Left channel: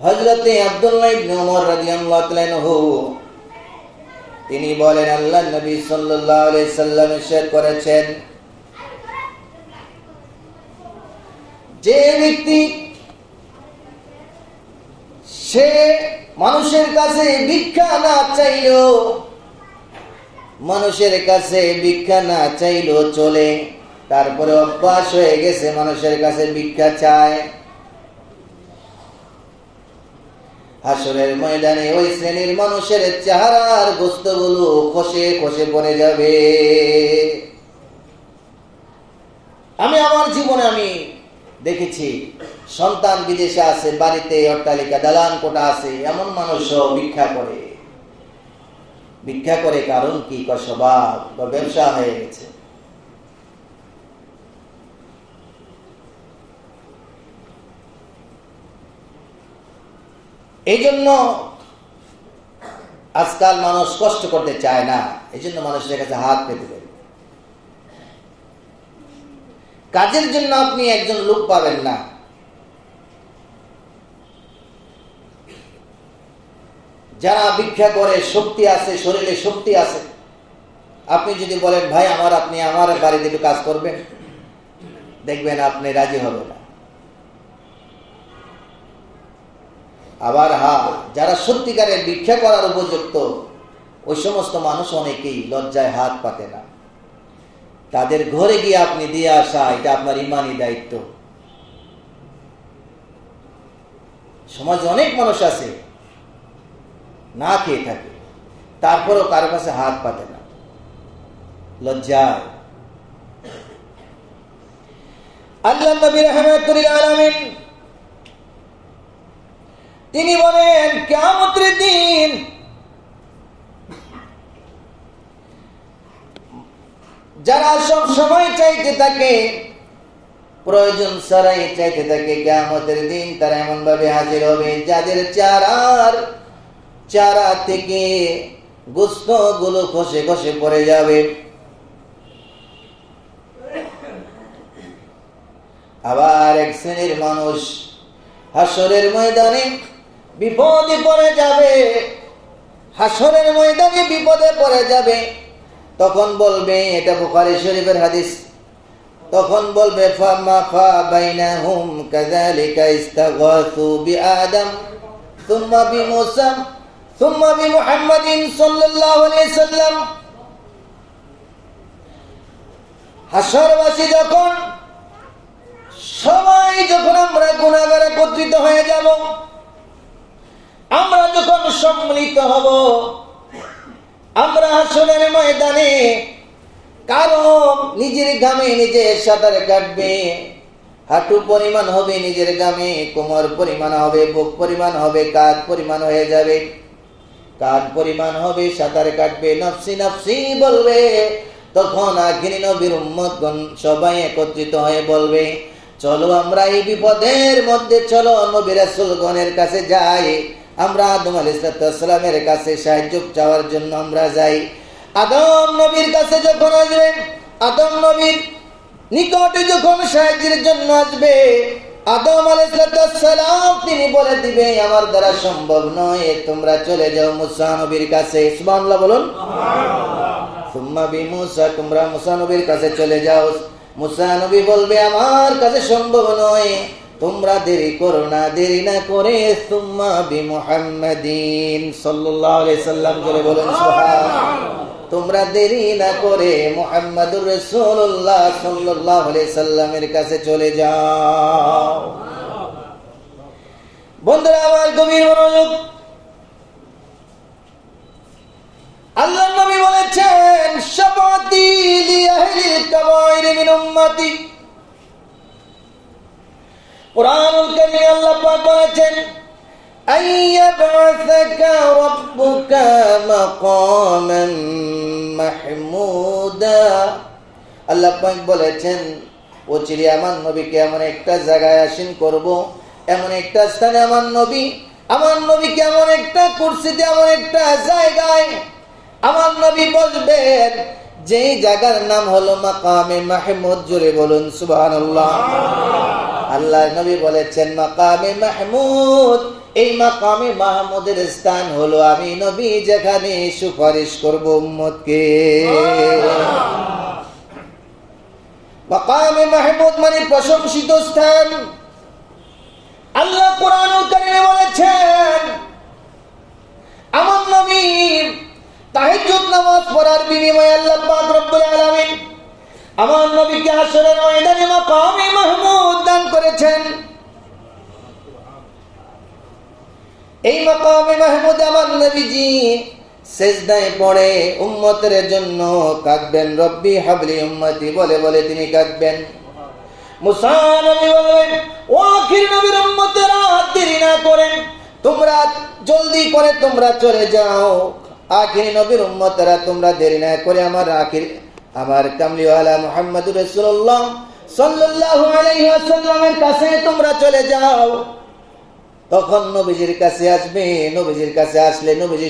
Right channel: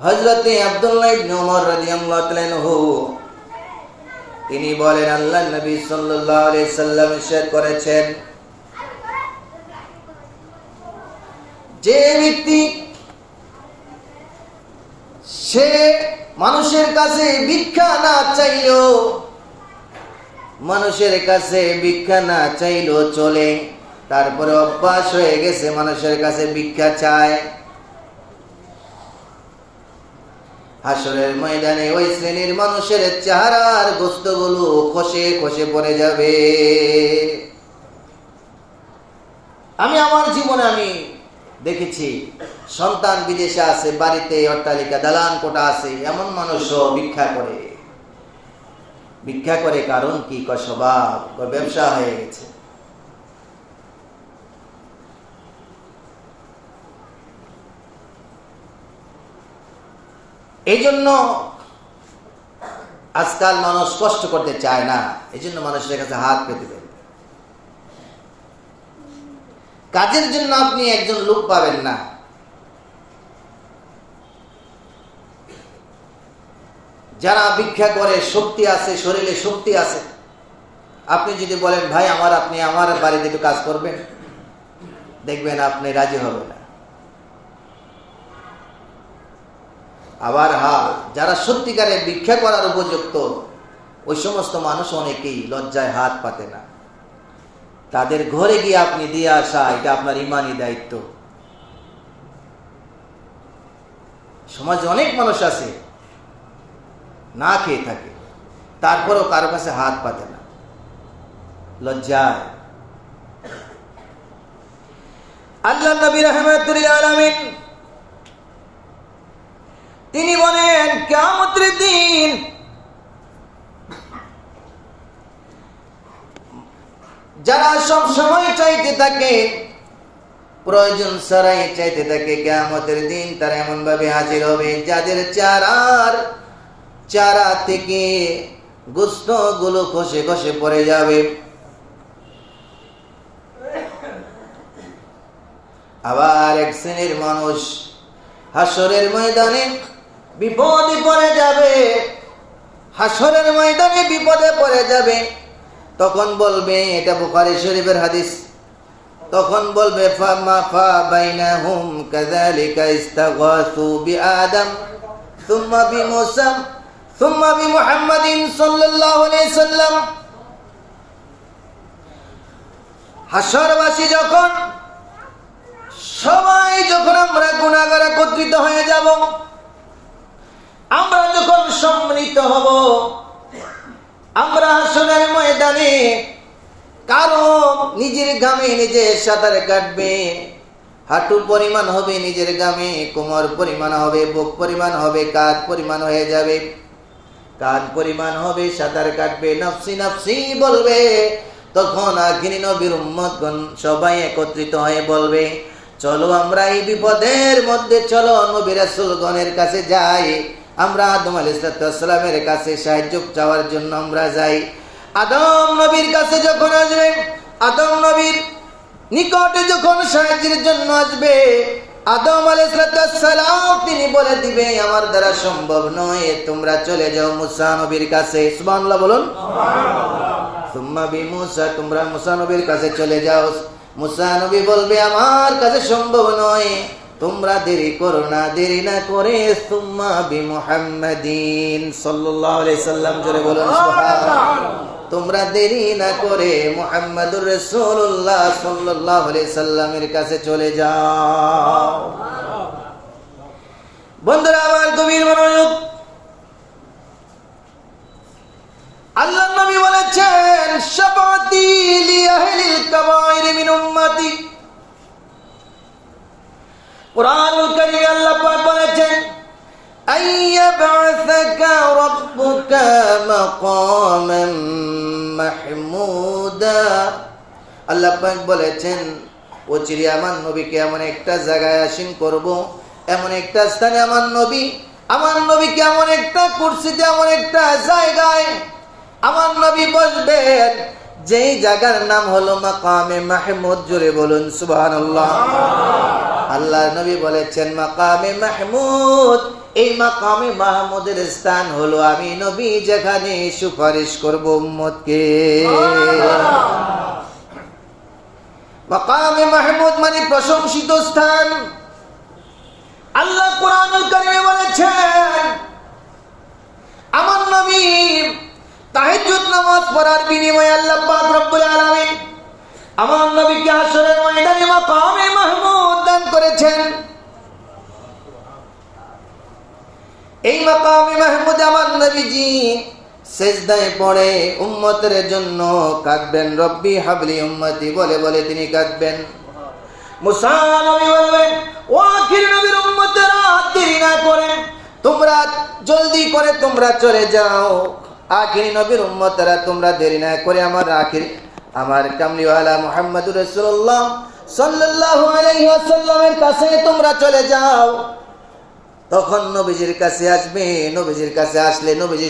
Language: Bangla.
হযরতে আব্দুল্লাহ ইবনে উমর রাদিয়াল্লাহু তাআলা আনহু তিনি বলেন, আল্লাহর নবী সাল্লাল্লাহু আলাইহি সাল্লাম ইরশাদ করেছেন, যে ব্যক্তি সে মানুষের কাছে ভিক্ষা না চাইলেও, মানুষের কাছে ভিক্ষা না চাইলেও চলে, তারপরে অভ্যাস হয়ে গেছে মানুষের কাছে ভিক্ষা চায়, হাসরের ময়দানে ওই শ্রেণীর মানুষের চেহারার গোস্তগুলো খসে খসে পড়ে যাবে। আমি আমার জীবনে আমি দেখেছি, সন্তান বিদেশে আছে, বাড়িতে অট্টালিকা দালান কোঠা আছে, এমন মানুষও ভিক্ষা করে। ভিক্ষা করে কারণ কি? স্বভাব, ব্যবসা হয়ে গেছে। এই জন্য আজকাল মানুষ কষ্ট করতে চায় না, এই জন্য মানুষের কাছে হাত পেতে দেবে। কাজের জন্য আপনি একজন লোক পাবেন না। যারা ভিক্ষা করে শক্তি আছে, শরীরে শক্তি আছে, আপনি যদি বলেন ভাই আপনি আমার বাড়িতে একটু কাজ করবেন, দেখবেন আপনি রাজি হবেন না। আবার যারা সত্যিকারের ভিক্ষা করার উপযুক্ত, ওই সমস্ত মানুষ অনেকেই লজ্জায় হাত পাতে না। তাদের ঘরে গিয়ে আপনি দিয়ে আসা, এটা আপনার ইমানি দায়িত্ব। সমাজে অনেক মানুষ আছে না খেয়ে থাকে, তারপরও কারো কাছে হাত পাতে না, লজ্জায়। আল্লাহ নবী রাহমাতুল লিল আলামিন তিনি বলেন, কিয়ামতের দিন যারা সব সময় চাইতে থাকে, প্রয়োজন ছাড়াই চাইতে থাকে, কিয়ামতের দিন তারা এমন ভাবে হাজির হবে যাদের চারা থেকে গোশত গুলো খসে খসে পড়ে যাবে। আবার এক শ্রেণীর মানুষ হাসরের ময়দানে বিপদে পড়ে যাবে, হাসরের ময়দানে বিপদে পড়ে যাবে। তখন বলবে, এটা বুখারী শরীফের হাদিস, তখন বলবে ফামা ফা বাইনাহুম কাযালিকা ইস্তাগাসু বিআদম সুম্মা বিমূসা সুম্মা বিমুহাম্মাদিন সাল্লাল্লাহু আলাইহি সাল্লাম। হাসরবাসী সবাই যখন আমরা গুনাহগার একত্রিত হয়ে যাব, আমরা যখন সম্মিলিত হব, আমরা হাসরের ময়দানে কারো নিজের গামে নিজে সাঁতার কাটবে, হাঁটু পরিমাণ হবে নিজের গামে, কোমর পরিমাণ হবে, বুক পরিমাণ হবে, কাঁধ পরিমাণ হয়ে যাবে, কাঁধ পরিমাণ হবে, সাঁতার কাটবে, নফসি নফসি বলবে। তখন আখিরি নবীর উম্মতগণ সবাই একত্রিত হয়ে বলবে, চলো আমরা এই বিপদের মধ্যে, চলো নবী রাসূলগণের কাছে যাই। আমরা আদম আলাইহিস সালামের কাছে সাহায্য চাওয়ার জন্য আমরা যাই। আদম নবীর কাছে যখন আসবে, আদম নবীর নিকটে যখন সাহায্যের জন্য আসবে, আদম আলাইহিস সালাম তিনি বলে দিবে, আমার দ্বারা সম্ভব নয়, তোমরা চলে যাও মুসা নবীর কাছে। সুবহানাল্লাহ বলুন। সুম্মা বিমূসা, তোমরা মুসা নবীর কাছে চলে যাও। মুসা নবী বলবে, আমার কাছে সম্ভব নয়, তোমরা দেরি করো না, দেরি না করে সুম্মা বিমুহাম্মাদিন সাল্লাল্লাহু আলাইহি সাল্লাম, জোরে বলুন সুবহানাল্লাহ। তোমরা দেরি না করে মুহাম্মাদুর রাসূলুল্লাহ সাল্লাল্লাহু আলাইহি সাল্লামের কাছে চলে যাও। বন্ধুরা আমার, গভীর মনোযোগ। আল্লাহ নবী বলেছেন, শাফাতি লি আহলিল কাবাইর মিন উম্মতি। কুরআনুল কারীমে আল্লাহ পাক বলেছেন, আইয়াবআসাকা রাব্বুকা মাকামান মাহমুদা। আল্লাহ পাক বলেছেন, ও চিরি আমার নবীকে এমন একটা জায়গায় আসীন করব, এমন একটা স্থানে আমার নবীকে এমন একটা কুরসিতে, এমন একটা জায়গায় আমার নবী বসবেন, যেই জায়গার নাম হলো মাকামে মাহমুদ। জোরে বলুন সুবহানাল্লাহ। আল্লাহ নবী বলেছেন, মাকামে মাহমুদ এই মাকামে মাহমুদের স্থান হলো আমি নবী যেখানে সুপারিশ করব উম্মতকে। মাকামে মাহমুদ মানে প্রশংসিত স্থান। আল্লাহ কোরআনুল কারীমে বলেছেন, আমার নবী তাহাজ্জুদ নামাজ পড়ার বিনিময়ে আল্লাহ পাক রব্বুল আলামিন আমার নবীকে হাশরের ময়দানে মাকামে মাহমুদ দান করেছেন। এই মাকামে মাহমুদ আমার নবীজি সিজদায় পড়ে উম্মতের জন্য কাঁদবেন, রব্বি হাবলি উম্মতি বলে বলে তিনি কাঁদবেন। মুসা নবী বলবেন, ও আখির নবীর উম্মতেরা, দেরি না করে তোমরা জলদি করে তোমরা চলে যাও। আখির নবীর উম্মতেরা তোমরা দেরি না করে আমার কামলিওয়ালা মুহাম্মদুর রাসূলুল্লাহ সাল্লাল্লাহু আলাইহি ওয়াসাল্লামের কাছে তোমরা চলে যাও। তখন নবীজির কাছে আসবে, নবীজির কাছে আসলে নবীজি